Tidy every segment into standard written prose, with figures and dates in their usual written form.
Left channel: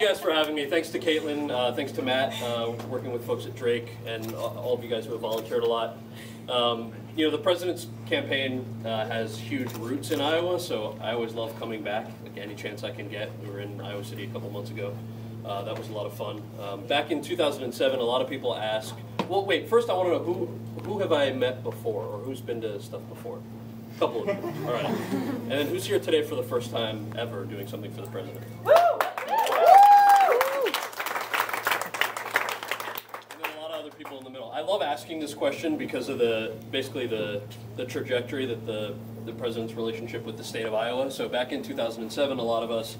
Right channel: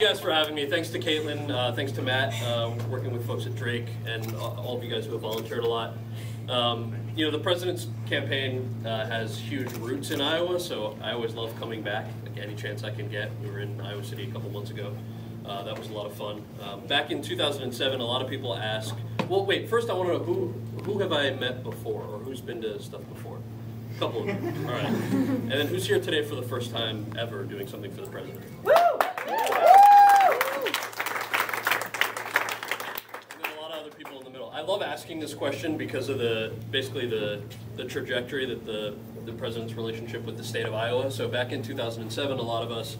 Thank you guys for having me. Thanks to Caitlin, thanks to Matt, working with folks at Drake, and all of you guys who have volunteered a lot. You know, the president's campaign has huge roots in Iowa, so I always love coming back, like any chance I can get. We were in Iowa City a couple months ago. That was a lot of fun. Back in 2007, a lot of people ask, well, wait, first I want to know who have I met before, or who's been to stuff before? A couple of them. All right. And then who's here today for the first time ever doing something for the president? Woo! People in the middle. I love asking this question because of basically the trajectory that the president's relationship with the state of Iowa. So back in 2007, a lot of us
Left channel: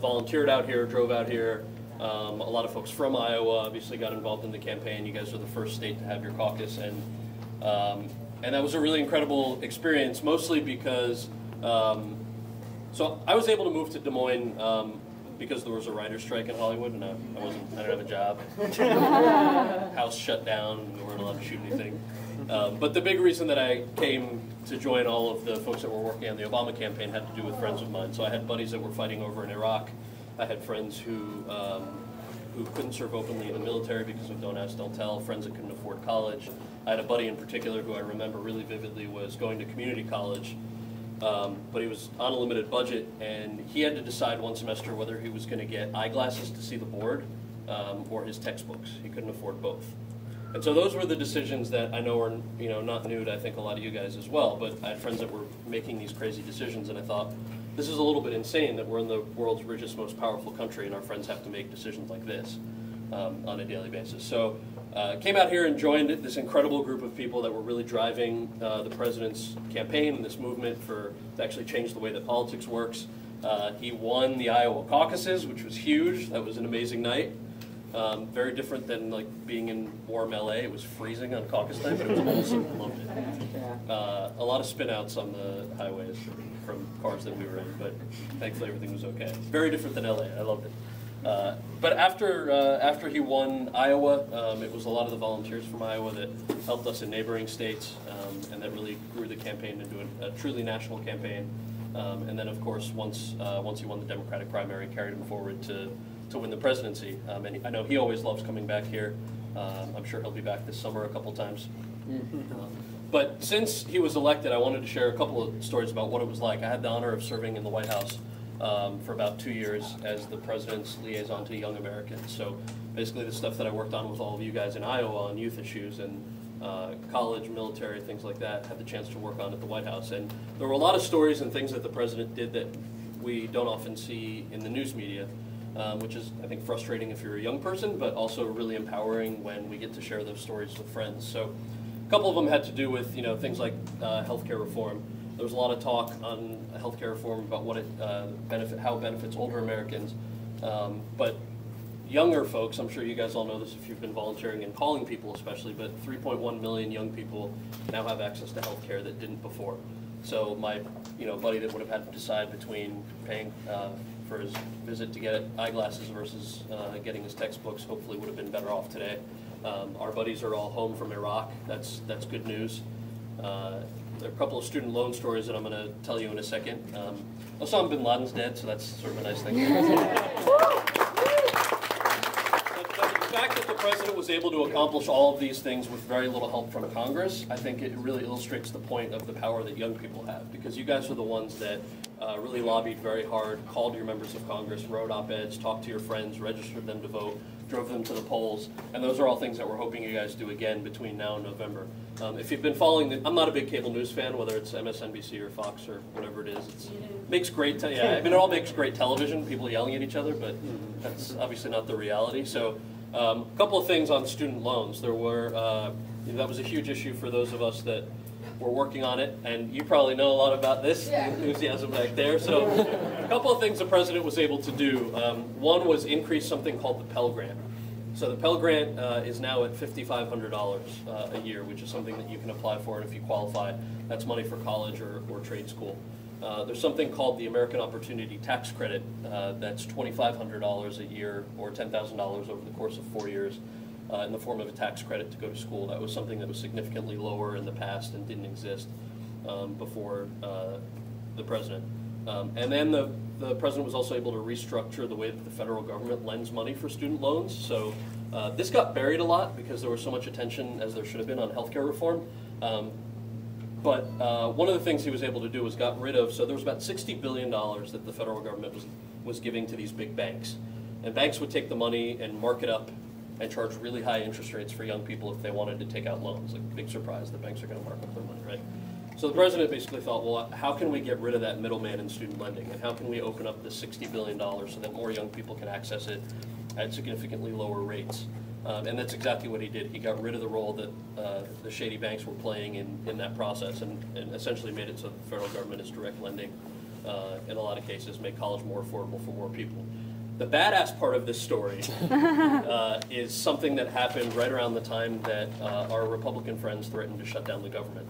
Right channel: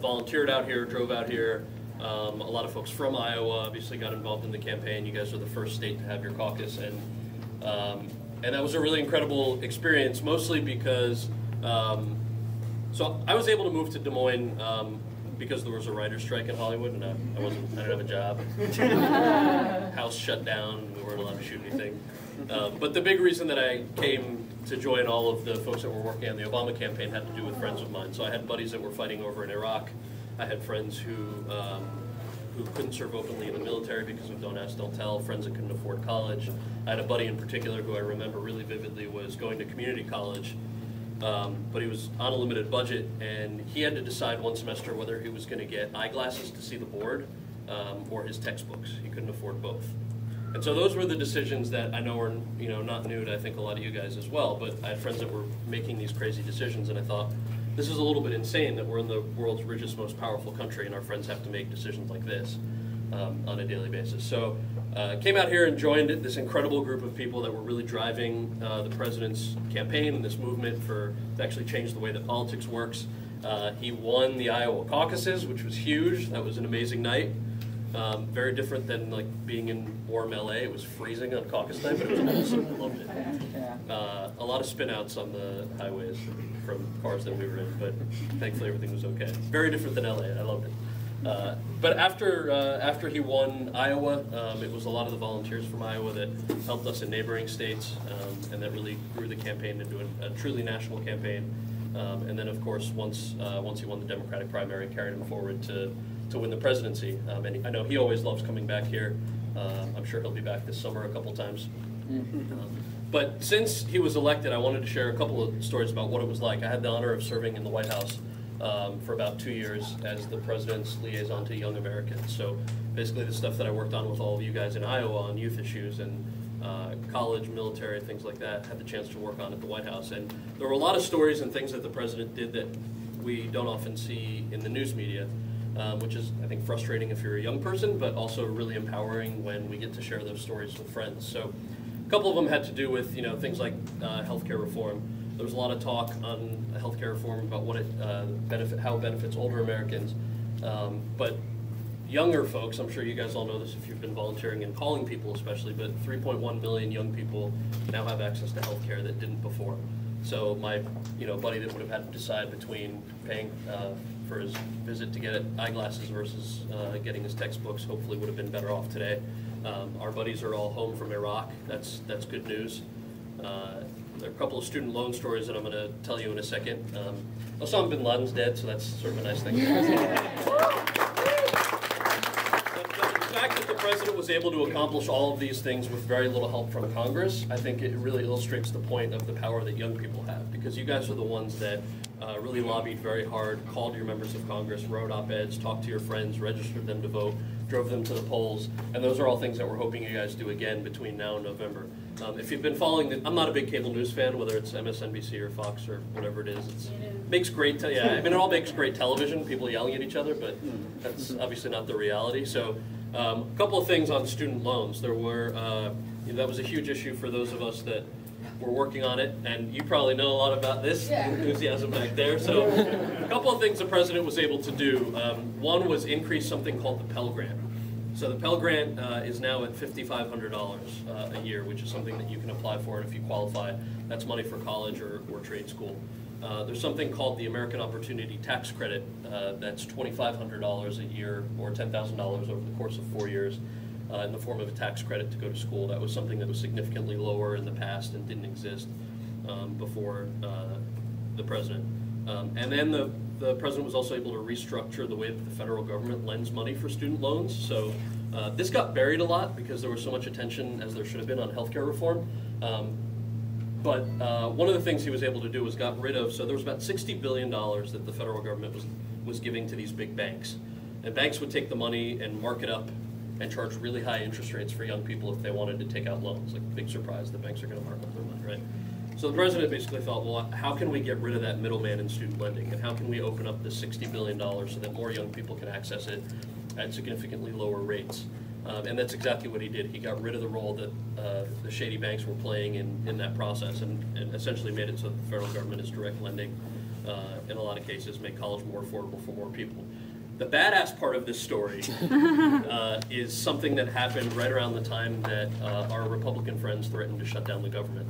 volunteered out here, drove out here. A lot of folks from Iowa obviously got involved in the campaign. You guys were the first state to have your caucus, and that was a really incredible experience. Mostly because so I was able to move to Des Moines. Because there was a writer's strike in Hollywood, and I didn't have a job. House shut down, we weren't allowed to shoot anything. But the big reason that I came to join all of the folks that were working on the Obama campaign had to do with friends of mine. So I had buddies that were fighting over in Iraq. I had friends who couldn't serve openly in the military because of don't ask, don't tell, friends that couldn't afford college. I had a buddy in particular who I remember really vividly was going to community college. But he was on a limited budget, and he had to decide one semester whether he was going to get eyeglasses to see the board or his textbooks. He couldn't afford both. And so those were the decisions that I know are not new to I think a lot of you guys as well, but I had friends that were making these crazy decisions, and I thought, this is a little bit insane that we're in the world's richest, most powerful country, and our friends have to make decisions like this on a daily basis. So came out here and joined this incredible group of people that were really driving the president's campaign and this movement to actually change the way that politics works. He won the Iowa caucuses, which was huge. That was an amazing night. Very different than like being in warm LA. It was freezing on caucus time, but it was awesome. I loved it. A lot of spin outs on the highways from cars that we were in, but thankfully everything was okay. Very different than LA. I loved it. But after he won Iowa, it was a lot of the volunteers from Iowa that helped us in neighboring states, and that really grew the campaign into a truly national campaign. And then, of course, once he won the Democratic primary, carried him forward to win the presidency. And I know he always loves coming back here. I'm sure he'll be back this summer a couple times. But since he was elected, I wanted to share a couple of stories about what it was like. I had the honor of serving in the White House for about 2 years as the president's liaison to young Americans. So basically the stuff that I worked on with all of you guys in Iowa on youth issues and college, military, things like that, had the chance to work on at the White House. And there were a lot of stories and things that the president did that we don't often see in the news media, which is, I think, frustrating if you're a young person, but also really empowering when we get to share those stories with friends. So a couple of them had to do with things like healthcare reform. There was a lot of talk on healthcare reform about what how it benefits older Americans, but younger folks, I'm sure you guys all know this if you've been volunteering and calling people especially, but 3.1 million young people now have access to healthcare that didn't before. So my buddy that would have had to decide between paying for his visit to get eyeglasses versus getting his textbooks hopefully would have been better off today. Our buddies are all home from Iraq. That's good news. There are a couple of student loan stories that I'm going to tell you in a second. Osama bin Laden's dead, so that's sort of a nice thing. But the fact that the president was able to accomplish all of these things with very little help from Congress, I think it really illustrates the point of the power that young people have, because you guys are the ones that really lobbied very hard, called your members of Congress, wrote op-eds, talked to your friends, registered them to vote, drove them to the polls, and those are all things that we're hoping you guys do again between now and November. If you've been following, I'm not a big cable news fan, whether it's MSNBC or Fox or whatever it is. It makes great, it all makes great television, people yelling at each other, but that's obviously not the reality. So a couple of things on student loans. There were, that was a huge issue for those of us that were working on it, and you probably know a lot about this enthusiasm back there. So a couple of things the president was able to do. One was increase something called the Pell Grant. So the Pell Grant is now at $5,500 a year, which is something that you can apply for, and if you qualify, that's money for college or trade school. There's something called the American Opportunity Tax Credit that's $2,500 a year or $10,000 over the course of 4 years in the form of a tax credit to go to school. That was something that was significantly lower in the past and didn't exist before the president. And then the the president was also able to restructure the way that the federal government lends money for student loans. So this got buried a lot because there was so much attention, as there should have been, on healthcare reform. But one of the things he was able to do was got rid of, so there was about $60 billion that the federal government was giving to these big banks. And banks would take the money and mark it up and charge really high interest rates for young people if they wanted to take out loans. Like, big surprise, the banks are going to mark up their money, right? So the president basically thought, well, how can we get rid of that middleman in student lending? And how can we open up this $60 billion so that more young people can access it at significantly lower rates? And that's exactly what he did. He got rid of the role that the shady banks were playing in that process and essentially made it so that the federal government is direct lending, in a lot of cases, make college more affordable for more people. The badass part of this story is something that happened right around the time that our Republican friends threatened to shut down the government.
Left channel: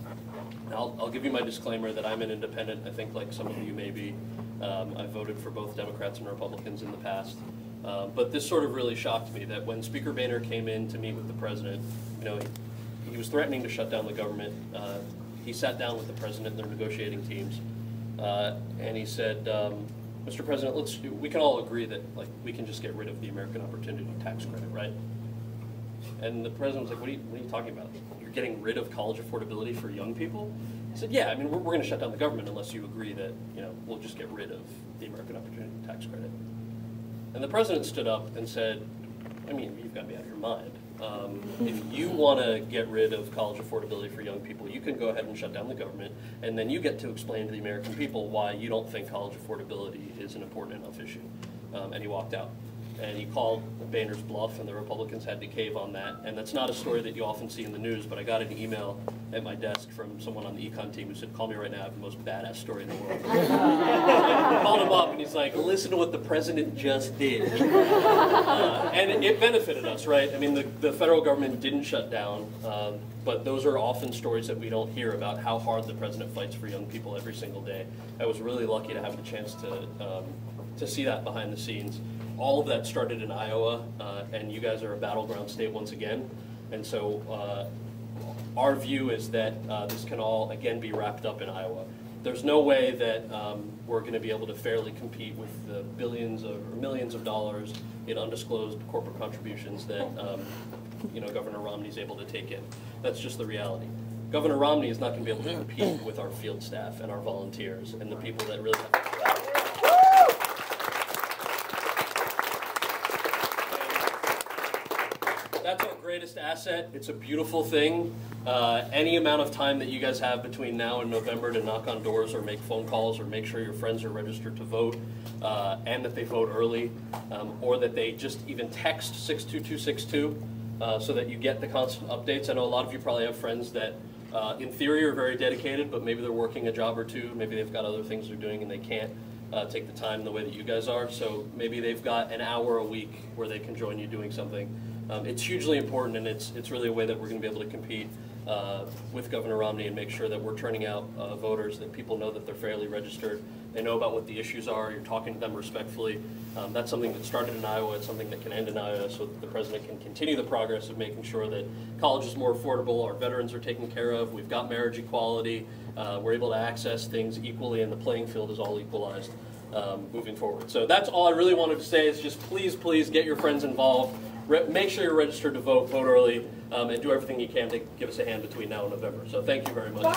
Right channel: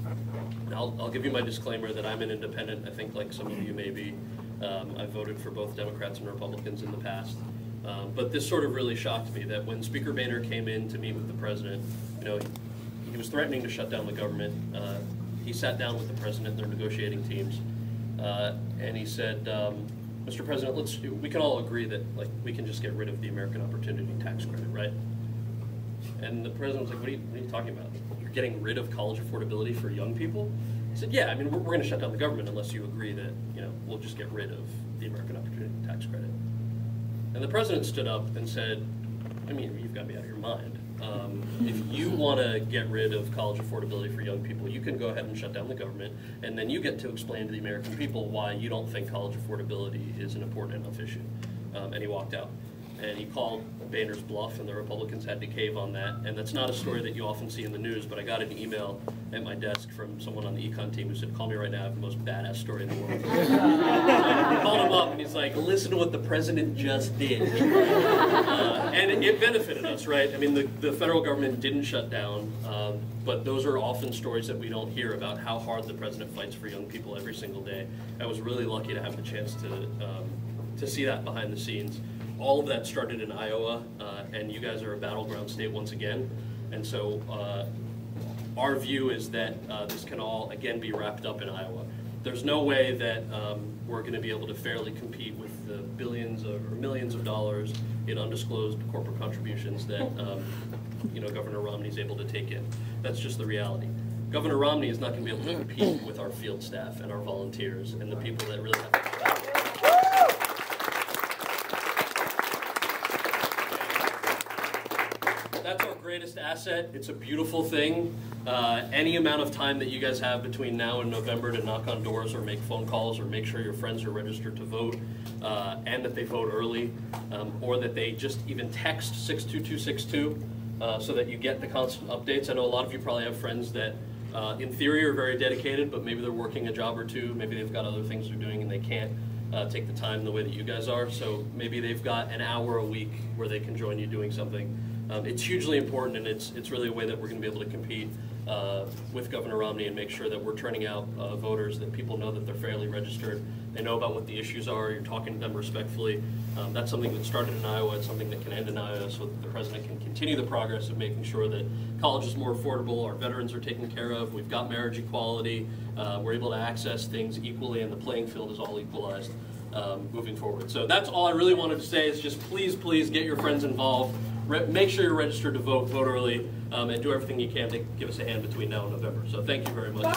Now, I'll give you my disclaimer that I'm an independent. I think, like some of you may be. I've voted for both Democrats and Republicans in the past. But this sort of really shocked me, that when Speaker Boehner came in to meet with the president, you know, he was threatening to shut down the government. He sat down with the president and their negotiating teams, and he said, Mr. President, we can all agree that, like, we can just get rid of the American Opportunity Tax Credit, right? And the president was like, what are you talking about? You're getting rid of college affordability for young people? He said, yeah, I mean, we're going to shut down the government unless you agree that, you know, we'll just get rid of the American Opportunity Tax Credit. And the president stood up and said, I mean, you've got to be out of your mind. If you want to get rid of college affordability for young people, you can go ahead and shut down the government, and then you get to explain to the American people why you don't think college affordability is an important enough issue. And he walked out. And he called Boehner's bluff, and the Republicans had to cave on that. And that's not a story that you often see in the news, but I got an email at my desk from someone on the econ team who said, call me right now, I have the most badass story in the world. I called him up, and he's like, listen to what the president just did. And it benefited us, right? I mean, the federal government didn't shut down, but those are often stories that we don't hear about how hard the president fights for young people every single day. I was really lucky to have the chance to see that behind the scenes. All of that started in Iowa, and you guys are a battleground state once again. And so our view is that this can all, again, be wrapped up in Iowa. There's no way that we're going to be able to fairly compete with the billions or millions of dollars in undisclosed corporate contributions that you know, Governor Romney is able to take in. That's just the reality. Governor Romney is not going to be able to compete with our field staff and our volunteers and the people that really have to travel. That's our greatest asset. It's a beautiful thing. Any amount of time that you guys have between now and November to knock on doors or make phone calls or make sure your friends are registered to vote and that they vote early, or that they just even text 62262 so that you get the constant updates. I know a lot of you probably have friends that in theory are very dedicated, but maybe they're working a job or two, maybe they've got other things they're doing and they can't take the time the way that you guys are, so maybe they've got an hour a week where they can join you doing something. It's hugely important, and it's really a way that we're going to be able to compete with Governor Romney and make sure that we're turning out voters, that people know that they're fairly registered, they know about what the issues are, you're talking to them respectfully. That's something that started in Iowa, it's something that can end in Iowa, so that the president can continue the progress of making sure that college is more affordable, our veterans are taken care of, we've got marriage equality, we're able to access things equally, and the playing field is all equalized moving forward. So that's all I really wanted to say, is just please, please get your friends involved. Make sure you're registered to vote, vote early, and do everything you can to give us a hand between now and November. So thank you very much.